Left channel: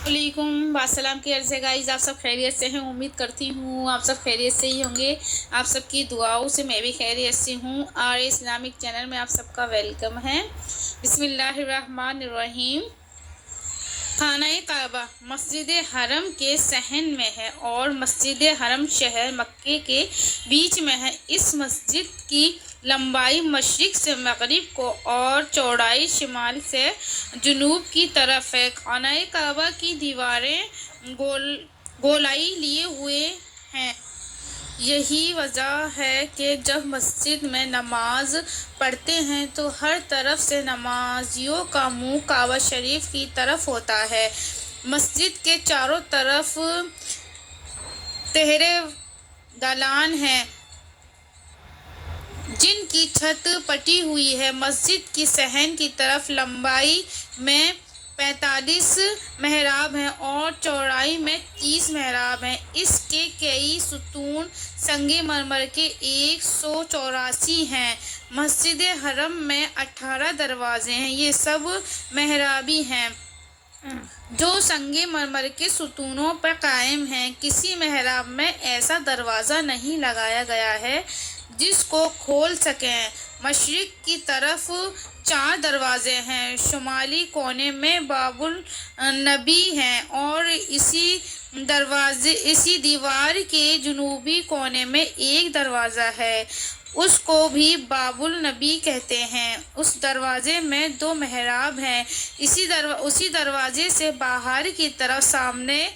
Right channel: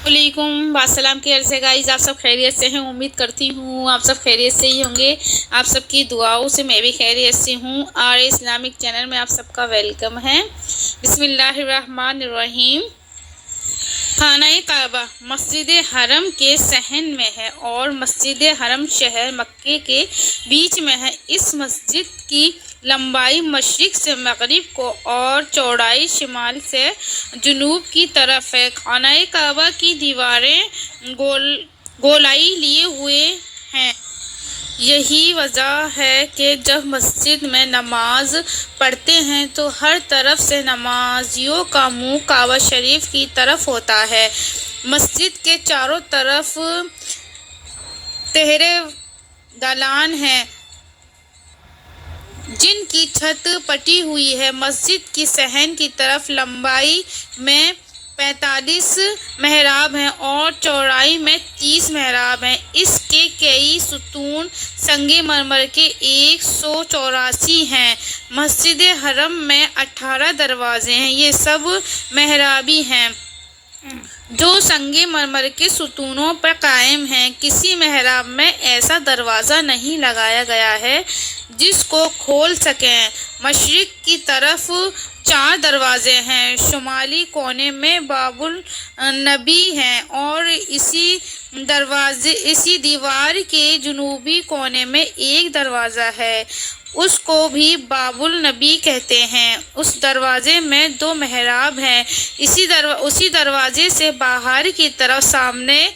वालेकुम अस्सलाम की अर्ज़ है गाइस। आप सब खैरियत से हैं, उम्मीद करती हूँ आप सब खैरियत से ही होंगे। आप सबकी दुआओं से मैं भी खैरियत से हूँ और इस्लामिक चैनल में आप सबका वेलकम है। बिस्मिल्लाहिर्रहमानिर्रहीम। खाना काबा मस्जिद हरम के सहन में है और मस्जिद हरम शहर मक्के के बीच में है। इस मस्जिद की लंबाई मशरिक से मगरिब को और चौड़ाई शिमाल से जुनूब की तरफ है। खाना काबा की दीवारें गोलाई लिए हुए हैं। यही वजह है कि जब मस्जिद में नमाज पढ़ते हैं तो हर तरफ से नमाजियों का मुंह काबा शरीफ की तरफ होता है। मस्जिद के चारों तरफ तहरे दालान हैं जिनकी छत पटी हुई है। मस्जिद की सहन की तरफ लंबाई में 45 महराब हैं और चौड़ाई में 30 महराब हैं। इसके कई सुतून संगे मरमर के 184 हैं। मस्जिद हरम में 18 दरवाजे हैं। ये सब महराबी हैं जो संगे मरमर के सुतूनों पर कायम हैं। किसी महराब में ऐसा दरवाज़ा नहीं लगाया गया है जिसको खोल सकें। मशरिक की तरफ 4 दरवाजे हैं। शुमाली कोने में बाबुल नबी हैं और इसी दीवार के जुनूबी कोने में एक दरवाज़ा है, उसको भी बाबुल नबी कहते हैं। उस दरवाजे में 2 महराब हैं। उसी दरवाजे से बाहर की तरफ सामने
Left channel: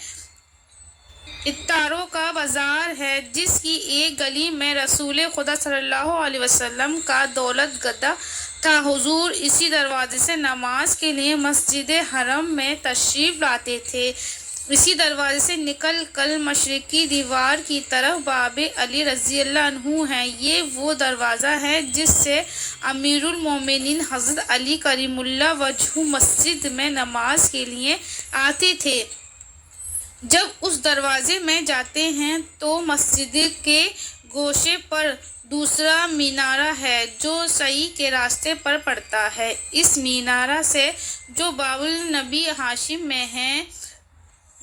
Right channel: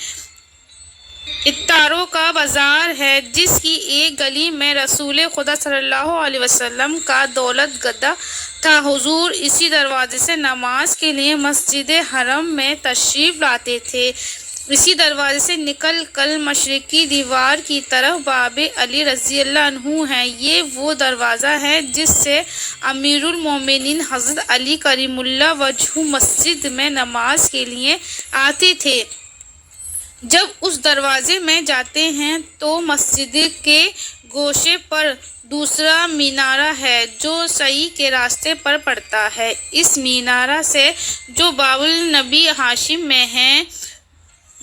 इत्तारों का बाजार है जिसकी एक गली में रसूल खुदा सल्लल्लाहु अलैहि वसल्लम का दौलत गद्दा था। हुजूर इसी दरवाजे से नमाज के लिए मस्जिद हरम में तशरीफ लाते थे। इसी दरवाजे से निकल कर मशरिकी दीवार की तरफ बाबे अली रज़ी अल्लाह अन्हु है। ये वो दरवाज़ा है जिससे अमीरुल मोमिनीन हज़रत अली करीमुल्लाह वजहू मस्जिद में नमाज के लिए आते थे। जब उस दरवाजे में जाते हैं तो मस्जिद के गोशे पर दूसरा मीनारा है जो सही के रास्ते पर पड़ता है। इस मीनारा से जो बाबुल नबी हाशिम में हैं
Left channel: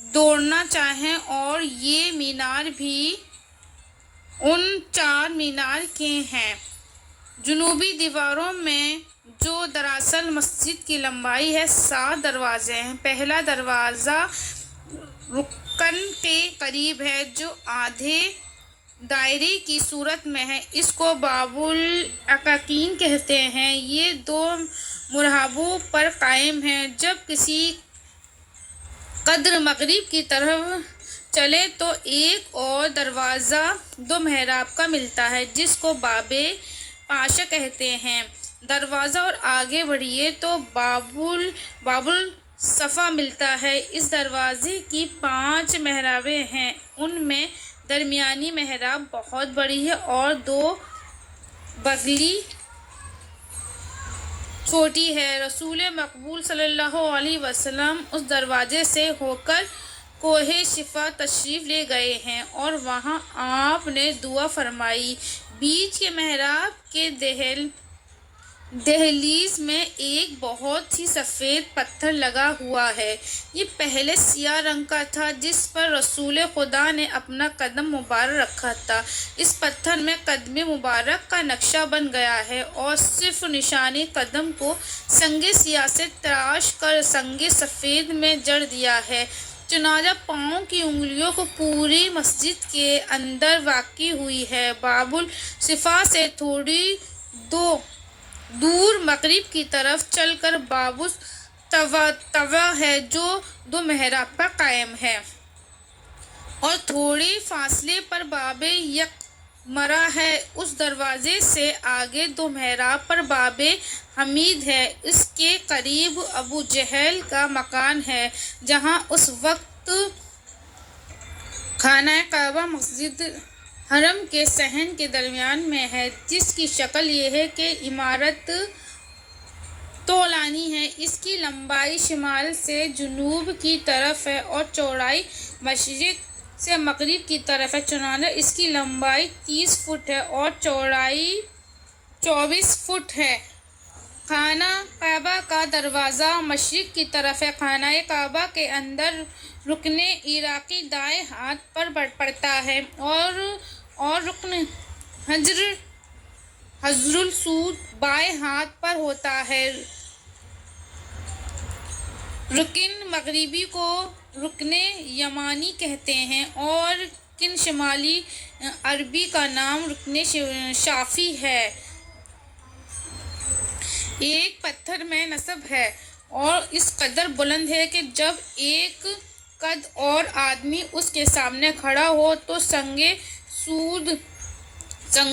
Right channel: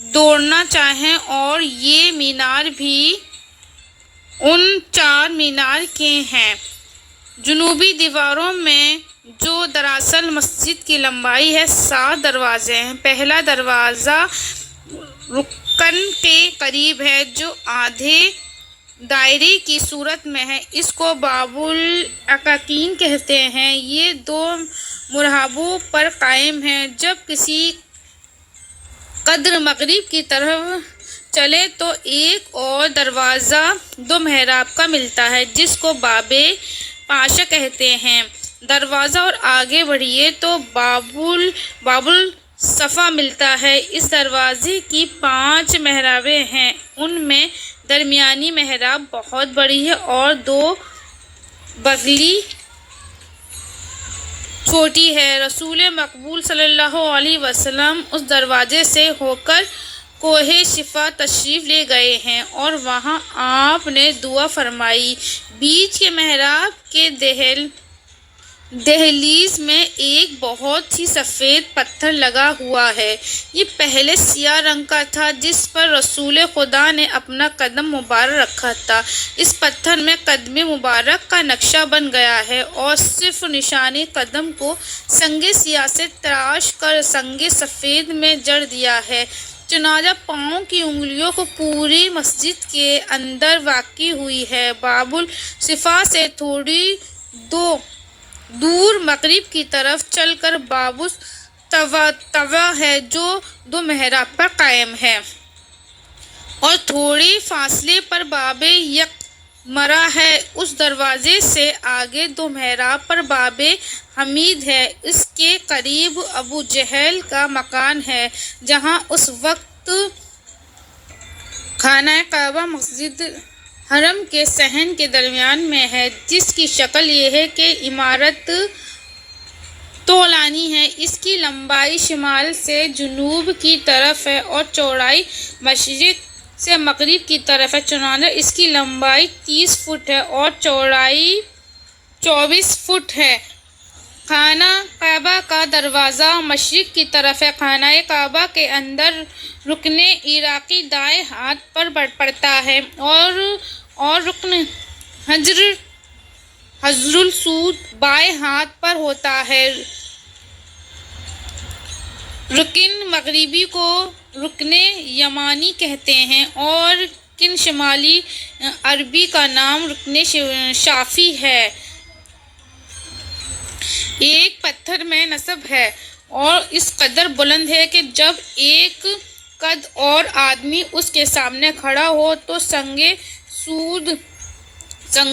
दौड़ना चाहें और ये मीनार भी उन 4 मीनार के हैं। जुनूबी दीवारों में जो दरअसल मस्जिद की लंबाई है 7 दरवाजे हैं। पहला दरवाज़ा रुकन के करीब है जो आधे दायरे की सूरत में है। इसको बाबुल अकाकीन कहते हैं। ये 2 मुरहाबों पर कायम है। जब किसी कद्र मगरिब की तरफ चले तो एक और दरवाज़ा 2 महराब का मिलता है जिसको बाबे पाशा कहते हैं। दरवाज़ा और आगे बढ़िए तो बाबुल सफ़ा मिलता है। इस दरवाज़े की 5 महराबें हैं। उनमें दरमियानी महराब बहुत बड़ी है और 2 बगली छोटी है। रसूल मकबूल सल्लल्लाहु अलैहि वसल्लम उस दरवाजे से होकर कोहे शिफा तशरीफ़ ले गए हैं और वहाँ आपने दुआ फरमाई। बीच के महराब के दहलीज में एक बहुत ही सफ़ेद पत्थर लगा हुआ है। ये पहले सियाह रंग का था जिस पर रसूल खुदा ने अपना कदम मुबारक रखा था। इस पत्थर में कदम मुबारक का नक्शा बन गया है और सिर्फ निशानी कदम को संगे सियाह से तराश कर संगे सफ़ेद में जड़ दिया है। चुनाजा पाँव की उंगलियों को पूरी मस्जिद के अंदर वाक़ई हुई है। बाबुल सिफा से थोड़ी दूर मगरिब की तरफ चलकर बाबुल तवा है जो 2 महराब पर कायम है और थोड़े फासले पर बाबे यकमरा है। उस दरवाजे से आगे 2 महराब पर बाबे हमीद है। इसके करीब अबू जहल का मकान है जहां उस वक्त खाना काबा मस्जिद हरम के सहन के दरमियान में है जिसकी शक्ल ये है कि इमारत तोलानी है। इसकी लंबाई शिमाल से जुनूब की तरफ है और चौड़ाई मशरिक से मगरिब की तरफ है। चुनांचे इसकी लंबाई 30 फुट है और चौड़ाई 24 फुट है। خانہ کعبہ کا دروازہ مشرق کی طرف ہے۔ خانہ کعبہ کے اندر رکن عراقی دائیں ہاتھ پر پڑتا ہے اور رکن حجر الاسود بائیں ہاتھ پر ہوتا ہے۔ رکن مغربی کو رکن یمانی کہتے ہیں اور رکن شمالی عربی کا نام رکن شافی ہے۔ ایک پتھر میں نصب ہے اور اس قدر بلند ہے کہ جب ایک قد اور آدمی اس کے سامنے کھڑا ہو تو سنگ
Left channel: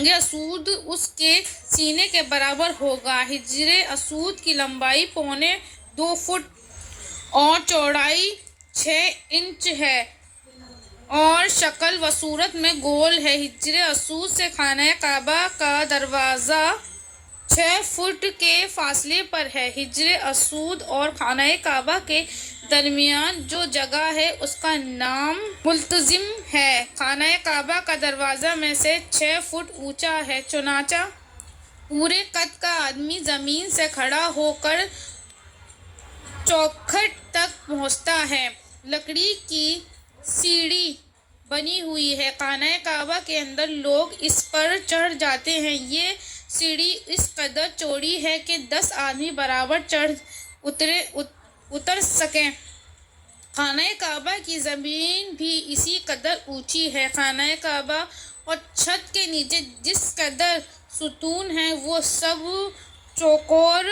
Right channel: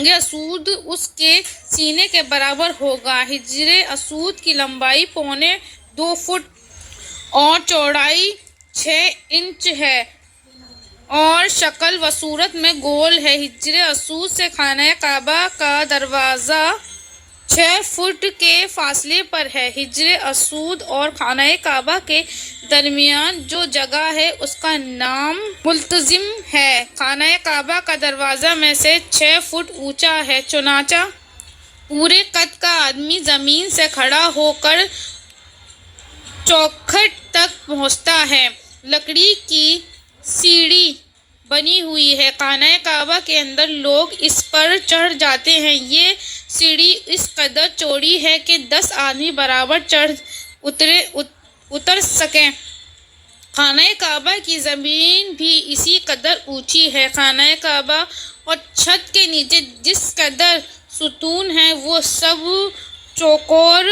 اسود اس کے سینے کے برابر ہوگا۔ حجر اسود کی لمبائی 2.25 فٹ اور چوڑائی 6 انچ ہے اور شکل و صورت میں گول ہے۔ حجر اسود سے خانہ کعبہ کا دروازہ 6 فٹ کے فاصلے پر ہے۔ حجر اسود اور خانہ کعبہ کے درمیان جو جگہ ہے اس کا نام ملتزم ہے۔ خانہ کعبہ کا دروازہ میں سے 6 فٹ اونچا ہے، چنانچہ پورے قد کا آدمی زمین سے کھڑا ہو کر چوکھٹ تک پہنچتا ہے۔ لکڑی کی سیڑھی بنی ہوئی ہے۔ خانہ کعبہ کے اندر لوگ اس پر چڑھ جاتے ہیں۔ یہ سیڑھی اس قدر چوڑی ہے کہ 10 آدمی برابر اتر سکیں۔ خانہ کعبہ کی زمین بھی اسی قدر اونچی ہے۔ خانہ کعبہ اور چھت کے نیچے جس قدر ستون ہیں وہ سب چوکور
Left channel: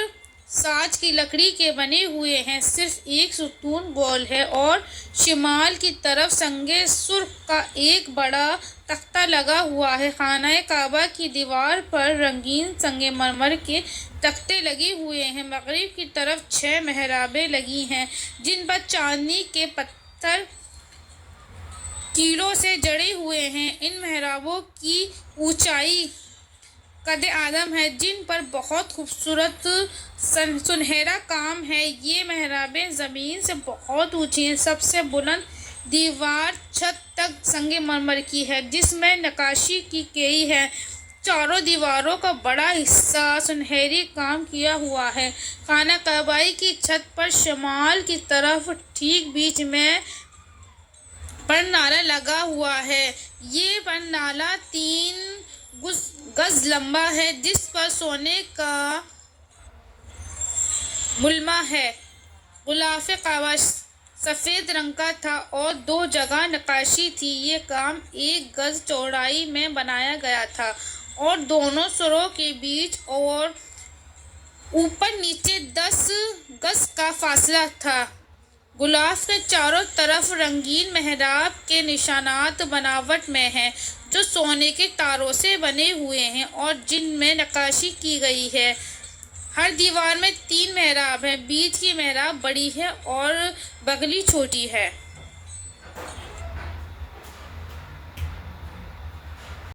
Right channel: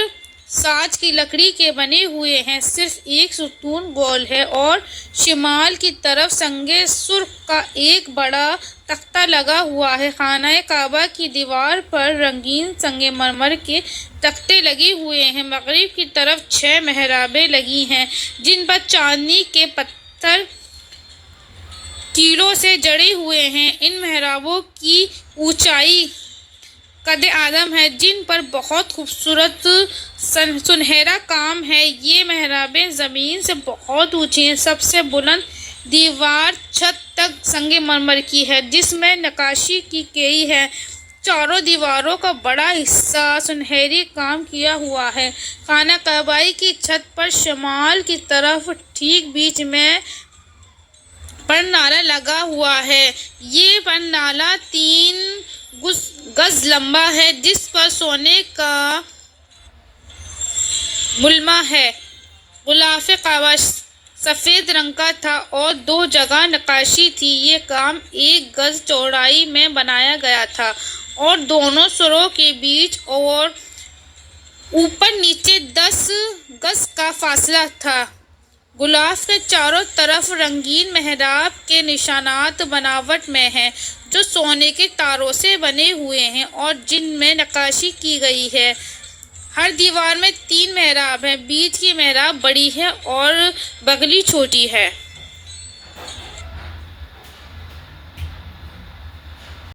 ساج کی لکڑی کے بنے ہوئے ہیں۔ صرف ایک ستون گول ہے اور شمال کی طرف سنگ سرخ کا ایک بڑا تختہ لگا ہوا ہے۔ خانہ کعبہ کی دیوار پر رنگین سنگ مرمر کے تختے لگے ہوئے ہیں۔ مغرب کی طرف 6 محرابیں لگی ہیں جن پر چاندی کے پتھر کیلوں سے جڑے ہوئے ہیں۔ ان محرابوں کی اونچائی قد آدم ہے، جن پر بہت خوبصورت سنہرا کام ہے۔ یہ محرابیں زمین سے بہت اونچی ہیں۔ سب سے بلند دیوار چھت تک سنگ مرمر کی ہے جس میں نقاشی کی گئی ہے۔ چاروں دیواروں کا بڑا حصہ سنہری کام کیا ہوا ہے۔ خانہ کعبہ کی چھت پر شمال کی طرف ٹھیک بیچ میں پرنالہ لگا ہوا ہے۔ یہ پرنالہ 3 گز لمبا ہے جس پر سونے کا ملمہ ہے۔ غلاف کعبہ سفید رنگ کا تھا اور 2 جگہ نقاشی تھی۔ یہ کام 1 گز چوڑائی میں بنایا گیا تھا اور دونوں سروں کے بیچ اور اوپر نیچے 10 گز کا فاصلہ تھا۔ غلاف کے چاروں طرف رنگین محراب کے نشانات بناوٹ میں ہیں جو سونے کے تاروں سے بنے ہوئے ہیں اور جن میں نقاشی کی گئی ہے۔ ہر دیوار میں 3 محراب ہیں۔ بیچ کی محراب بڑی ہے اور بغلی چھوٹی ہے۔